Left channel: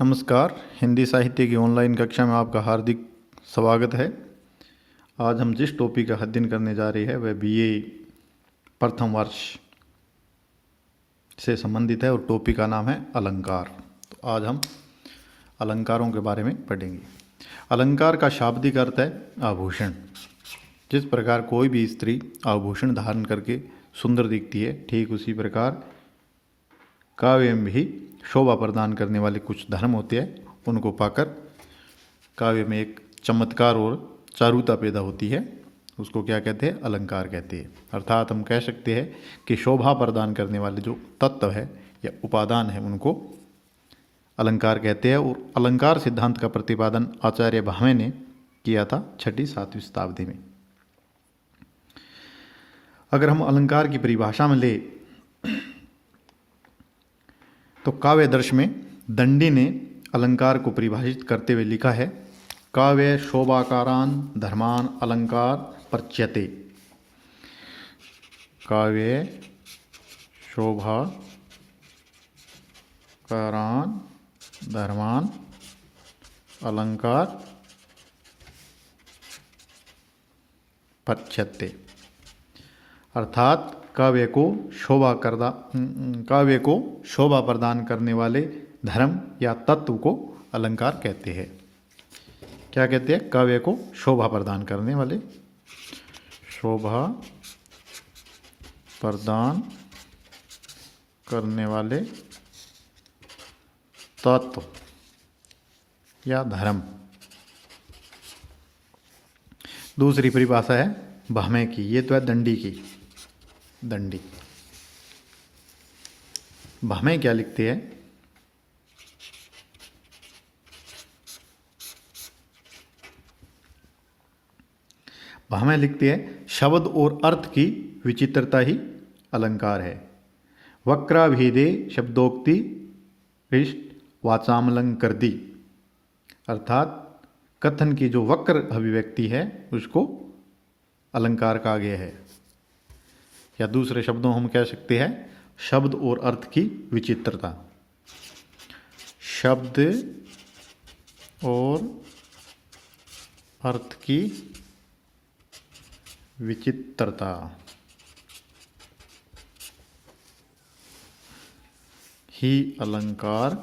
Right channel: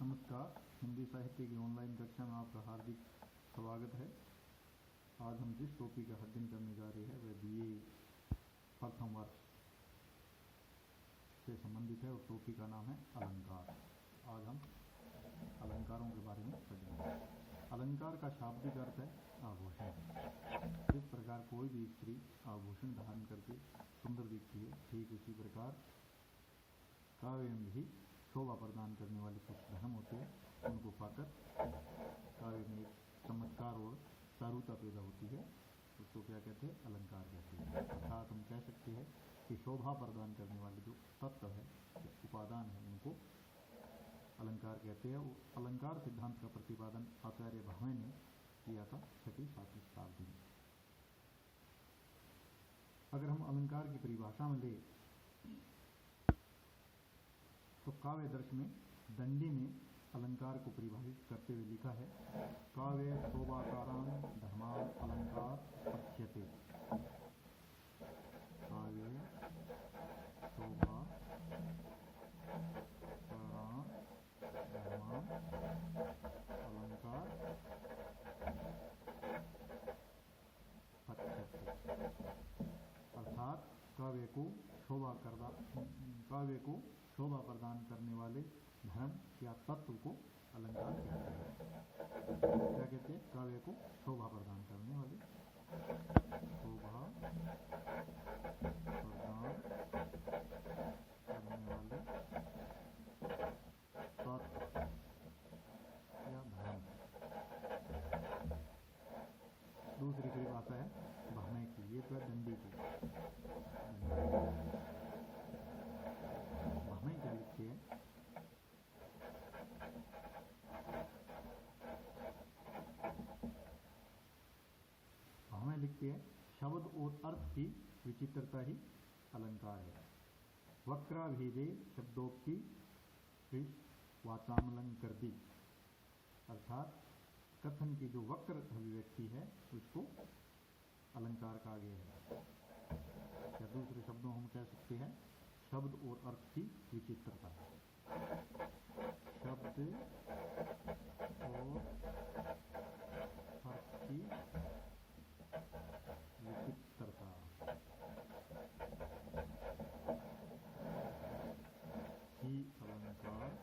नमस्कार। हिंदी साहित्य की ऑनलाइन कक्षा में आपका हार्दिक स्वागत है। आज हम जिस टॉपिक का अध्ययन करने जा रहे हैं वह बीए प्रथम वर्ष से संबंधित है और टॉपिक का नाम है अलंकार। तो आज हम अलंकारों के बारे में पढ़ेंगे। अलंकार का शाब्दिक अर्थ है आभूषण। जिस प्रकार कोई भी स्त्री आभूषण धारण करके सुंदर दिखती है, ठीक उसी प्रकार काव्य में भी शोभा प्रदान करने वाले कुछ धर्म होते हैं। उनको पाकर काव्य में एक चमत्कार और चारुता पैदा होती है। उसको क्या कहते हैं? अलंकार कहते हैं। अर्थात हम कह सकते हैं कि शोभा प्रदान करने वाले जो तत्व है या उपादान है उनको अलंकार कहते हैं। और अलंकार सिद्धांत का प्रतिपादन आचार्य भावे ने किया था 6वीं-7वीं शताब्दी में। अगर हम अलंकार की परिभाषा में ले तो काव्य दर्श में दंडी ने अलंकार को परिभाषित करते हुए लिखा है, काव्य शोभाकारान धर्मान अलंकार पर्च्यते। काव्य शोभाकारान धर्मान अलंकार पर्च्यते। अर्थात काव्य को शोभा प्रदान करने वाले धर्म या तत्व को अलंकार कहते हैं। क्या कहते हैं? काव्य को शोभा प्रदान करने वाले, शोभा प्रदान करने वाले तत्व या धर्म। दूसरी परिभाषा है भावे की, ये तो है दंडी की। दंडी भावे क्या लिखते हैं? भावे लिखते हैं, शब्द और अर्थ की विचित्रता ही अलंकार है। वक्राभेदे शब्दोक्ति वाचामलंकृति। अर्थात कथन की जो वक्र अभिव्यक्ति है उसको अलंकार कहा गया है। या दूसरे शब्दों हम कह सकते हैं शब्द और अर्थ की विचित्रता। शब्द और अर्थ की विचित्रता ही अलंकार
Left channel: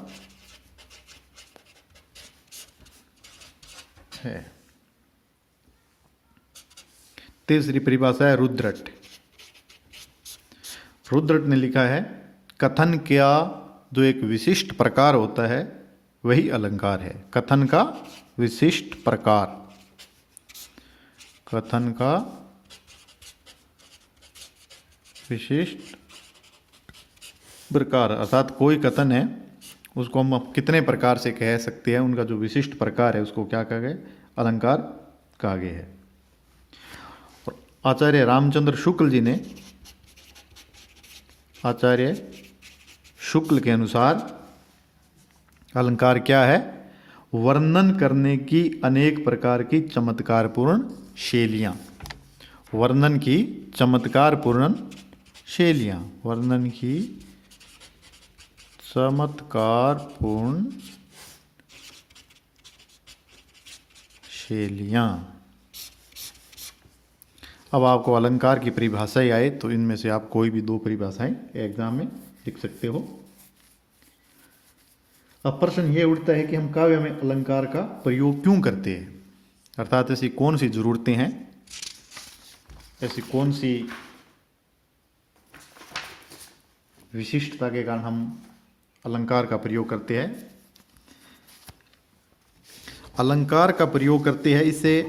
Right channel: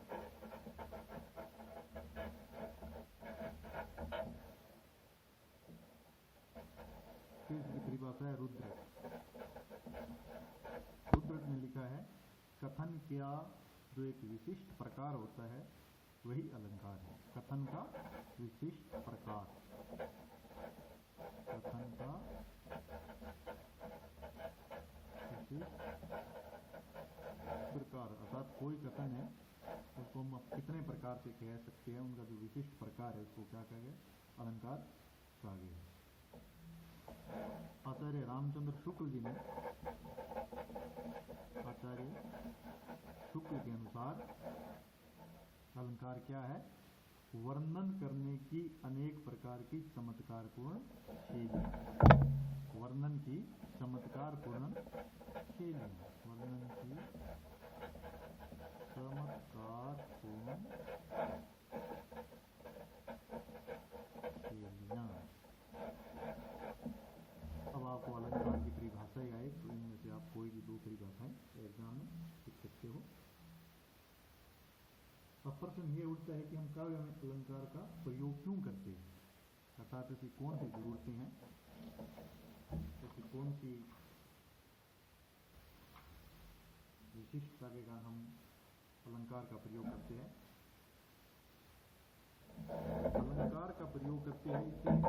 है। तीसरी परिभाषा है रुद्रट। रुद्रट ने लिखा है, कथन का जो एक विशिष्ट प्रकार होता है वही अलंकार है। कथन का विशिष्ट प्रकार, कथन का विशिष्ट प्रकार अर्थात कोई कथन है उसको हम कितने प्रकार से कह सकते हैं, उनका जो विशिष्ट प्रकार है उसको क्या कहा गया? अलंकार कहा गया है। और आचार्य रामचंद्र शुक्ल जी ने, आचार्य शुक्ल के अनुसार अलंकार क्या है? वर्णन करने की अनेक प्रकार की चमत्कारपूर्ण शैलियाँ। वर्णन की चमत्कारपूर्ण शैलियाँ, वर्णन की चमत्कारपूर्ण शैलियाँ। अब आपको अलंकार की परिभाषाएं आए तो इनमें से आप कोई भी दो परिभाषाएं एग्जाम में लिख सकते हो। अब प्रश्न ये उठता है कि हम काव्य में अलंकार का प्रयोग क्यों करते हैं? अर्थात ऐसी कौन सी जरूरतें हैं, ऐसी कौन सी विशिष्टता के कारण हम अलंकार का प्रयोग करते हैं? अलंकार का प्रयोग करते हैं, इससे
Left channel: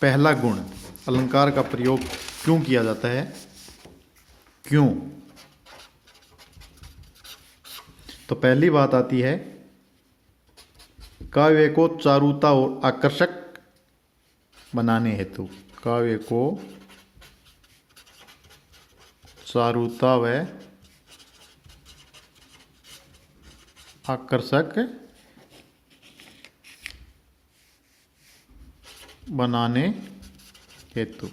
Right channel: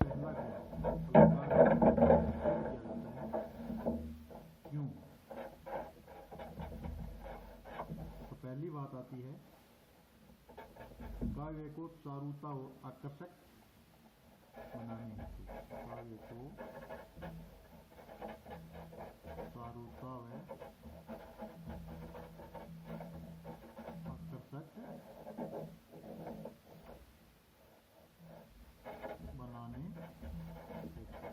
पहला गुण, अलंकार का प्रयोग क्यों किया जाता है? क्यों? तो पहली बात आती है काव्य को चारुता और आकर्षक बनाने हेतु। काव्य को चारुता व आकर्षक बनाने हेतु।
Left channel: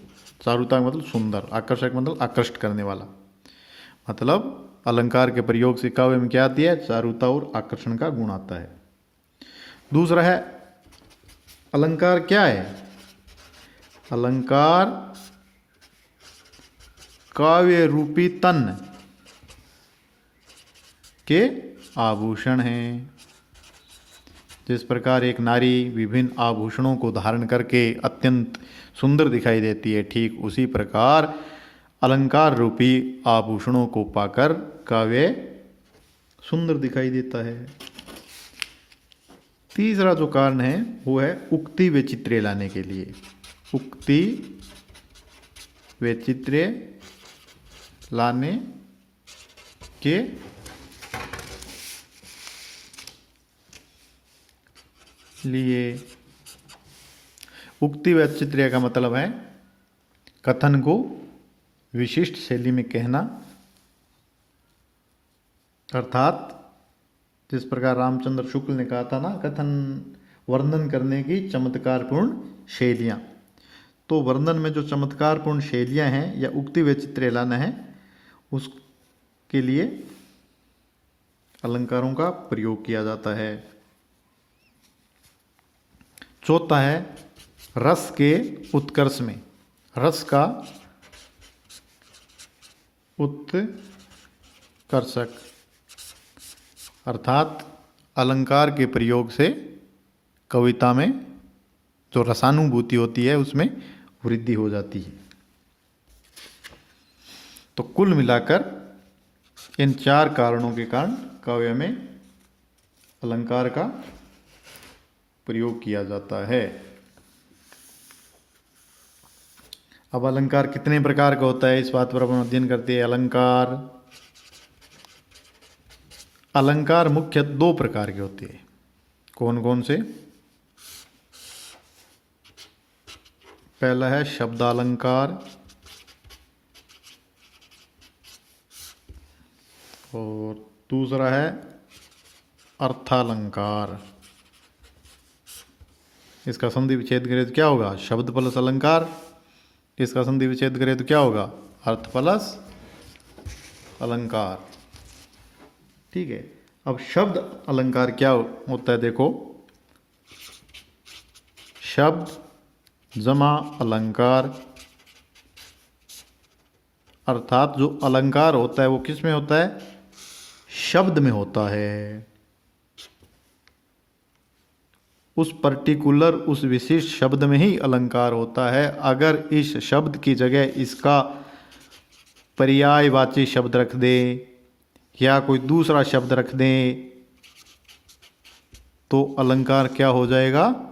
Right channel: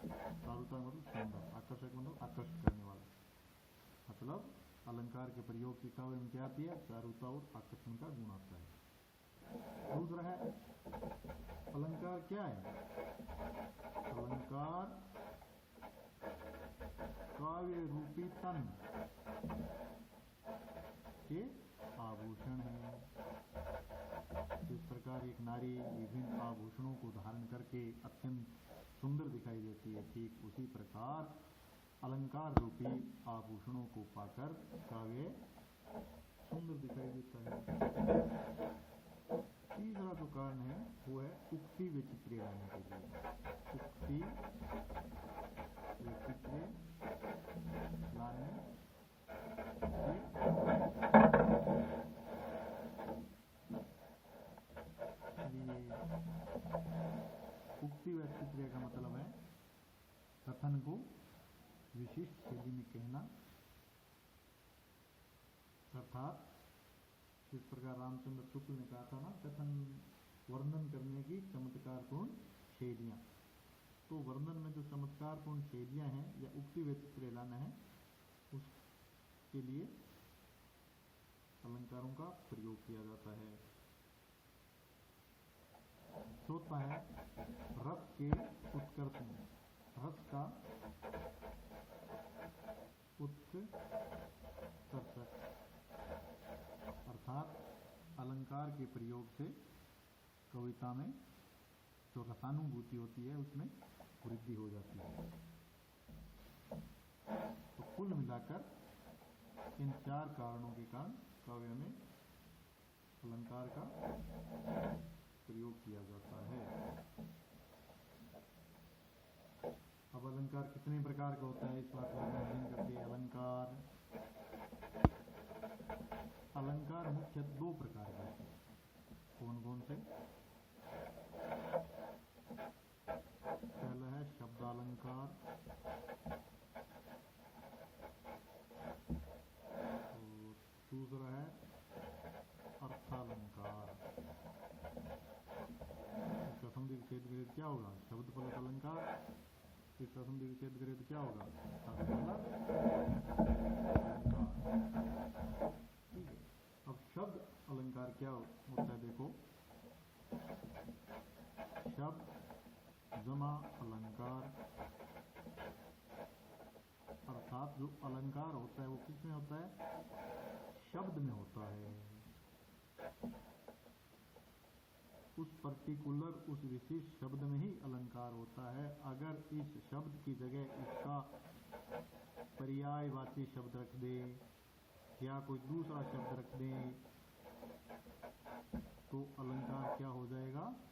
चारुता मतलब सुंदर, आकर्षक मतलब आकृष्ट करने वाला। मतलब अलंकार के प्रयोग से काव्य में क्या आती है? चारुता और आकर्षण का गुण आता है। दूसरा है अलंकार क्या है? अलंकार काव्य रूपी तन के आभूषण हैं। जिस प्रकार एक नारी विभिन्न आभूषणों को धारण करके अत्यंत सुंदर दिखाई देती है, ठीक उसी प्रकार अलंकार रूपी आभूषणों को पाकर काव्य सुंदर दिखाई देता है। तीसरा जो कारण है वो है उक्ति वैचित्र्य लाने के लिए। उक्ति वैचित्र्य लाने के लिए। उक्ति वैचित्र्य का मतलब है कथन को विशिष्ट शैली में कहना, अर्थात जिस प्रकार रामचंद्र शुक्ल ने कहा था ना, कथन वर्णन करने की चमत्कारपूर्ण शैलियाँ। तो वर्णन में जो चमत्कारपूर्ण शैलियाँ हैं या उक्ति वैचित्र्य लाना है, उसके लिए अलंकारों का प्रयोग किया जाता है। चौथा है रस के उत्कर्ष में। रस का उत्कर्षक, अर्थात अलंकार के प्रयोग से कविता में जो रसानुभूति होती है उसमें वृद्धि हो जाती है। तो कुल मिलाकर इन चार कारणों के कारण काव्य में अलंकार का प्रयोग किया जाता है। अब अलंकार कितने प्रकार का होता है, इस बात पर अपन अध्ययन करते हैं। अलंकार मुख्य दो प्रकार के होते हैं। कौन कौन से? पहला है शब्दालंकार और दूसरा है अर्थालंकार। इसका संधि विच्छेद करें तो क्या होगा? शब्द प्लस अलंकार। इसका संधि विच्छेद करें तो क्या होगा? अर्थ प्लस अलंकार। ठीक है। अब शब्द अलंकार क्या होता है, देखो। शब्द जमा अलंकार, अर्थात जो अलंकार होता है वो किस में होता है? शब्द में होता है। उस पर्टिकुलर, उस विशिष्ट शब्द में ही अलंकार होता है। अगर इस शब्द की जगह इसका पर्यायवाची शब्द रख दे या कोई दूसरा शब्द रख दें तो अलंकार क्या हो जाएगा?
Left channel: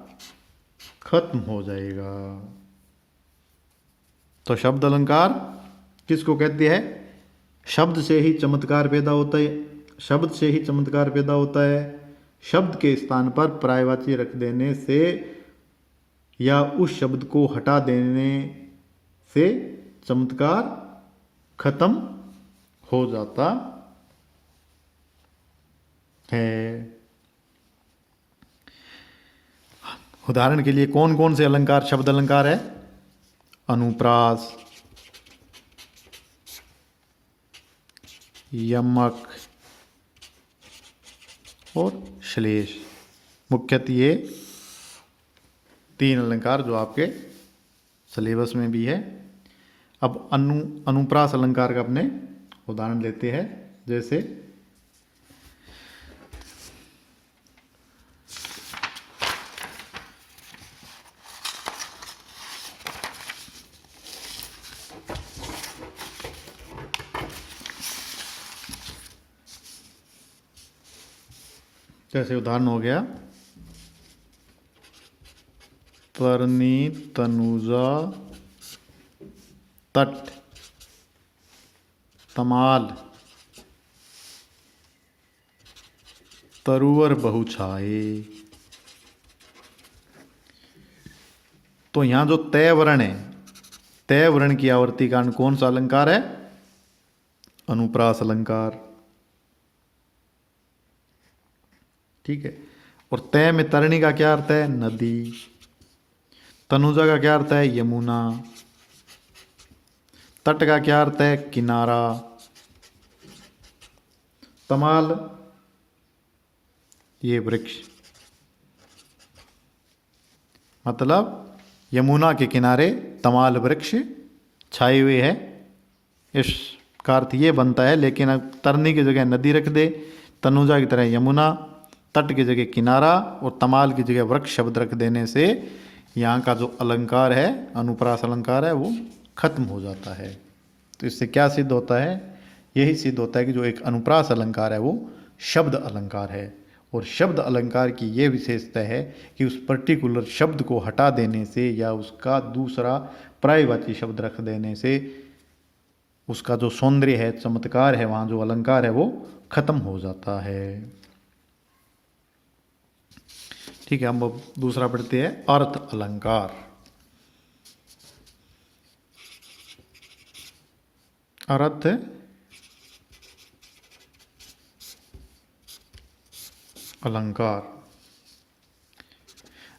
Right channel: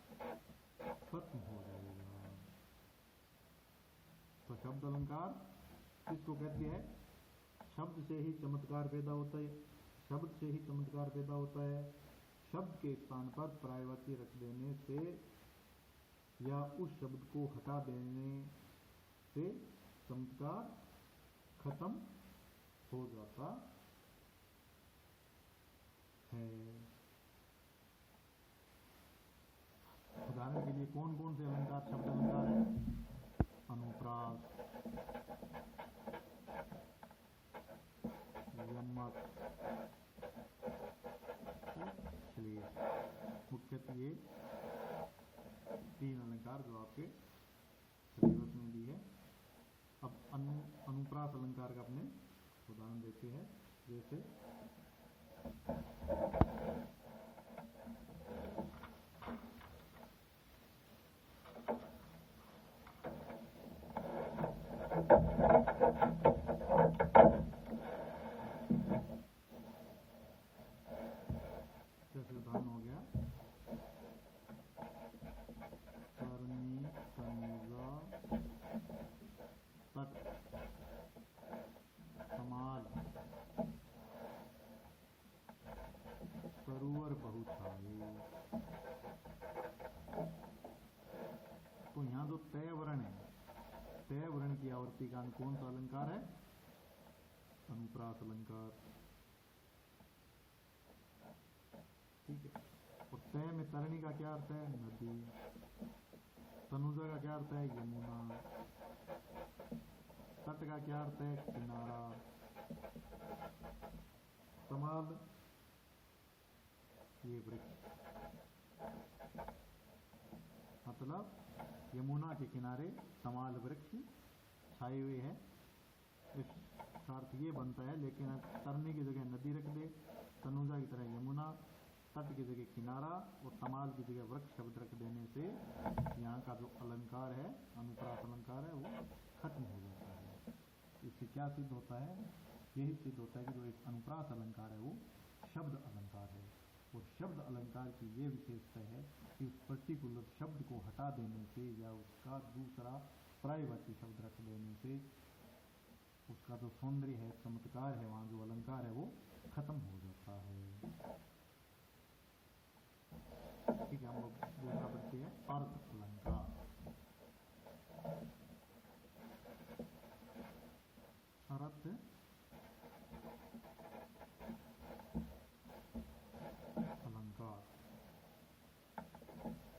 खत्म हो जाएगा। तो शब्द अलंकार किसको कहते हैं? शब्द से ही चमत्कार पैदा होता है। शब्द से ही चमत्कार पैदा होता है। शब्द के स्थान पर पर्यायवाची रख देने से या उस शब्द को हटा देने से चमत्कार खत्म हो जाता है। उदाहरण के लिए कौन कौन से अलंकार शब्द अलंकार है? अनुप्रास, यमक और श्लेष। मुख्यतः ये तीन अलंकार जो आपके सिलेबस में भी है। अब अनुप्रास अलंकार का अपने उदाहरण लेते हैं। जैसे उदाहरण हो गया तरनी तनुजा तट तमाल तरुवर बहुछाए। तो यहां जो तय वर्ण है, तय वर्ण की आवर्ती कारण कौन सा अलंकार है? अनुप्रास अलंकार। ठीक है। और तय में तरणी का क्या अर्थ है? नदी। तनुजा का क्या अर्थ है? यमुना। तट का क्या अर्थ है? किनारा। तमाल ये वृक्ष। मतलब यमुना के किनारे तमाल वृक्ष छाए हुए है, इसका अर्थ ये बनता है। लेकिन अब तरनी की जगह नदी रख दे, तनुजा की तरह यमुना, तट की जगह किनारा और तमाल की जगह वृक्ष शब्द रख देने से यहाँ का जो अलंकार है, अनुप्रास अलंकार है, वो खत्म हो जाता है। तो इससे क्या सिद्ध होता है? यही सिद्ध होता है कि जो एक अनुप्रास अलंकार है वो शब्द अलंकार है। और शब्द अलंकार की ये विशेषता है कि उस पर्टिकुलर शब्द को हटा देने से या उसका दूसरा पर्यायवाची शब्द रख देने से उसका जो सौंदर्य है, चमत्कार है, वहाँ जो अलंकार है वो खत्म हो जाता है। ठीक है, हम अब दूसरा पढ़ते हैं, अर्थ अलंकार। अर्थ अलंकार।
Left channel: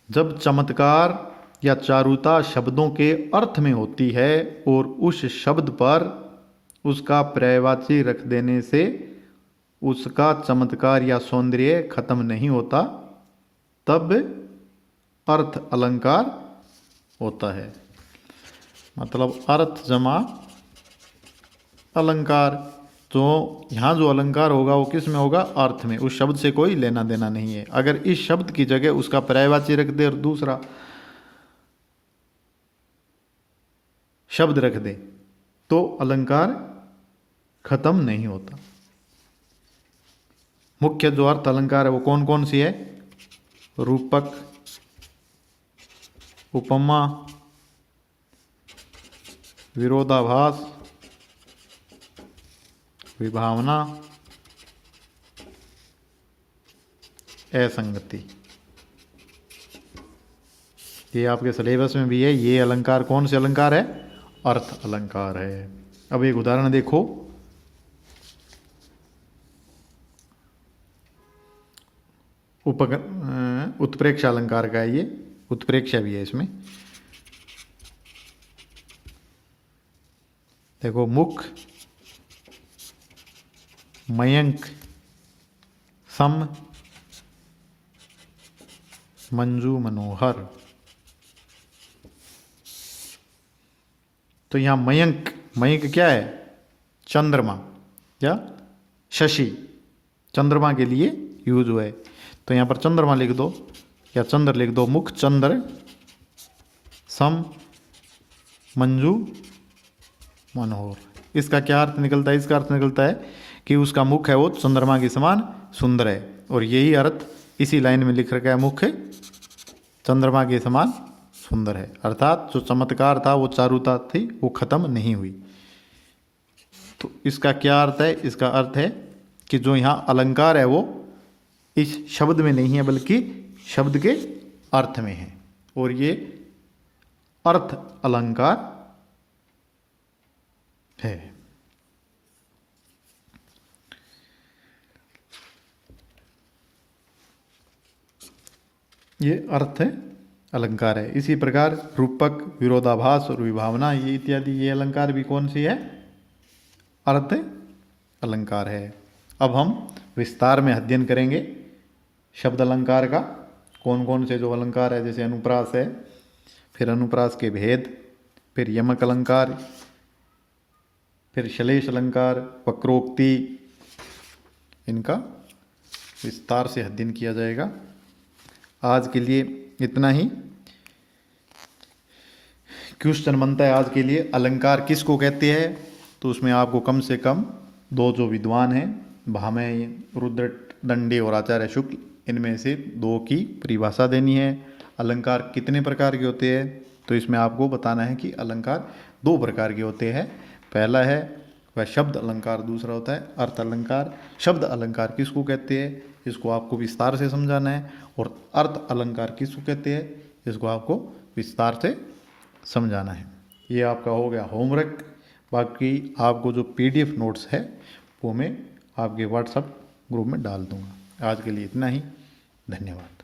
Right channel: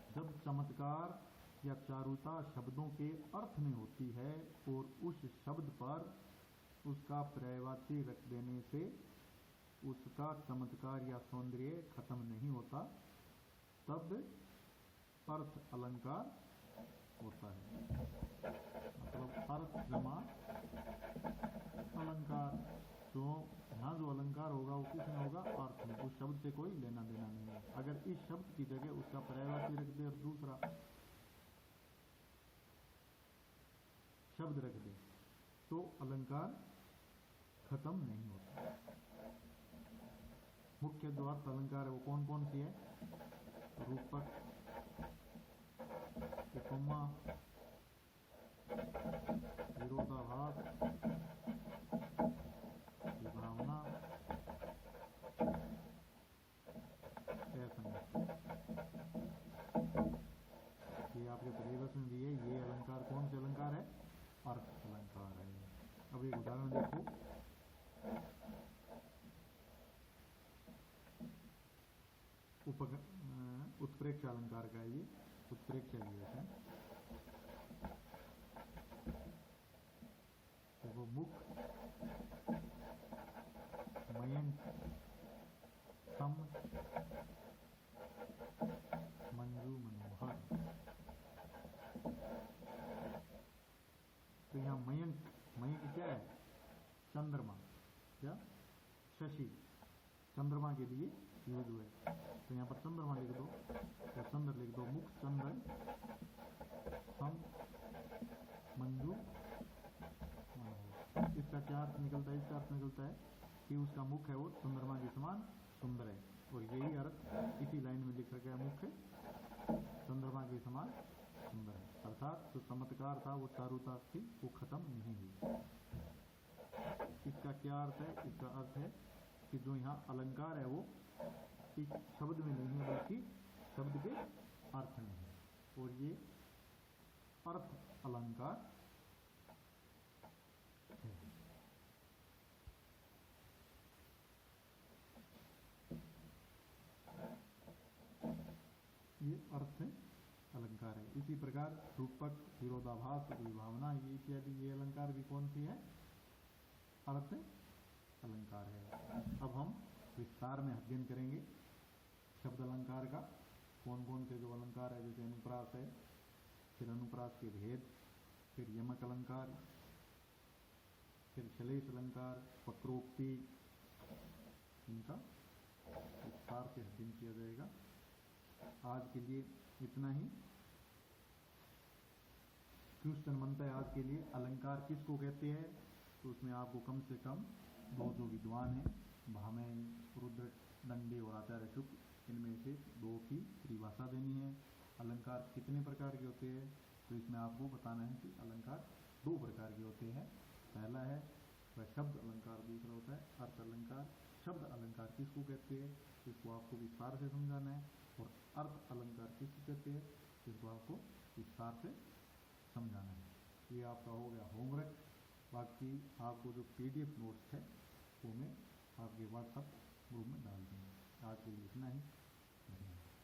जब चमत्कार या चारुता शब्दों के अर्थ में होती है और उस शब्द पर उसका पर्यायवाची रख देने से उसका चमत्कार या सौंदर्य खत्म नहीं होता, तब अर्थ अलंकार होता है। मतलब अर्थ जमा अलंकार। तो यहाँ जो अलंकार होगा वो किस में होगा? अर्थ में। उस शब्द से कोई लेना देना नहीं है। अगर इस शब्द की जगह उसका पर्यायवाची रख दे और दूसरा शब्द रख दे तो अलंकार खत्म नहीं होता। मुख्य जो अर्थ अलंकार है वो कौन कौन सी है? रूपक, उपमा, विरोधाभास, विभावना, असंगति। ये आपके सिलेबस में भी है। ये अलंकार कौन से अलंकार है? अर्थ अलंकार है। अब एक उदाहरण देखो। उत्प्रेक्ष अलंकार का है ये, उत्प्रेक्षा भी है इसमें। देखो, मुख, मयंक, सम, मंजू, मनोहर। तो यहाँ मयंक, मयंक क्या है? चंद्रमा या शशि, चंद्रमा के लिए यूज हुआ है। तो यहाँ पर चंद्रमा लिख दो या चंद्र लिख दो। मुख चंद्र, सम, मंजू, मनोहर। इसका क्या अर्थ निकलता है? इसका अर्थ निकलता है कि उसका मुख है वो चंद्रमा के समान सुंदर है। और यही अर्थ इसी लाइन में लिख रखा है, मुख चंद्रमा के समान सुंदर है। अर्थात जो चमत्कार था, वो चारुता थी, वो खत्म नहीं हुई। तो इसका क्या अर्थ है? इसका अर्थ है कि जो यहाँ अलंकार है वो इस शब्द में नहीं है बल्कि शब्द के अर्थ में है। और ये अर्थ अलंकार है। ये अर्थ अलंकार है। इसी प्रकार रूपक, विरोधाभास और विभावना, ये इत्यादि ये अलंकार भी कौन सी है? अर्थ अलंकार है। अब हम विस्तार में अध्ययन करेंगे शब्द अलंकार का। कौन कौन से जो अलंकार है, जैसे अनुप्रास है, फिर अनुप्रास के भेद, फिर यमक अलंकार, फिर श्लेष अलंकार, वक्रोक्ति, इनका विस्तार से अध्ययन किया जाएगा। आज के लिए इतना ही। क्वेश्चन बनता है आज के लिए, अलंकार किसको कहते हैं? तो उसमें आपको कम से कम दो जो विद्वान हैं, भामह, रुद्र दंडी और आचार्य शुक्ल, इनमें से दो की परिभाषा देनी है। अलंकार कितने प्रकार के होते हैं? तो इसमें आपको बताना है कि अलंकार दो प्रकार के होते हैं। पहला है वह शब्द अलंकार, दूसरा होता है अर्थ अलंकार। शब्द अलंकार किसको कहते हैं, इसको आपको विस्तार से समझाना है। और अर्थ अलंकार किसको कहते हैं, इसको आपको विस्तार से समझाना है। ये आपका हो गया होमवर्क। बाकी आपको जो PDF नोट्स है वो मैं आपके WhatsApp ग्रुप में डाल दूँगा। आज के लिए इतना ही। धन्यवाद।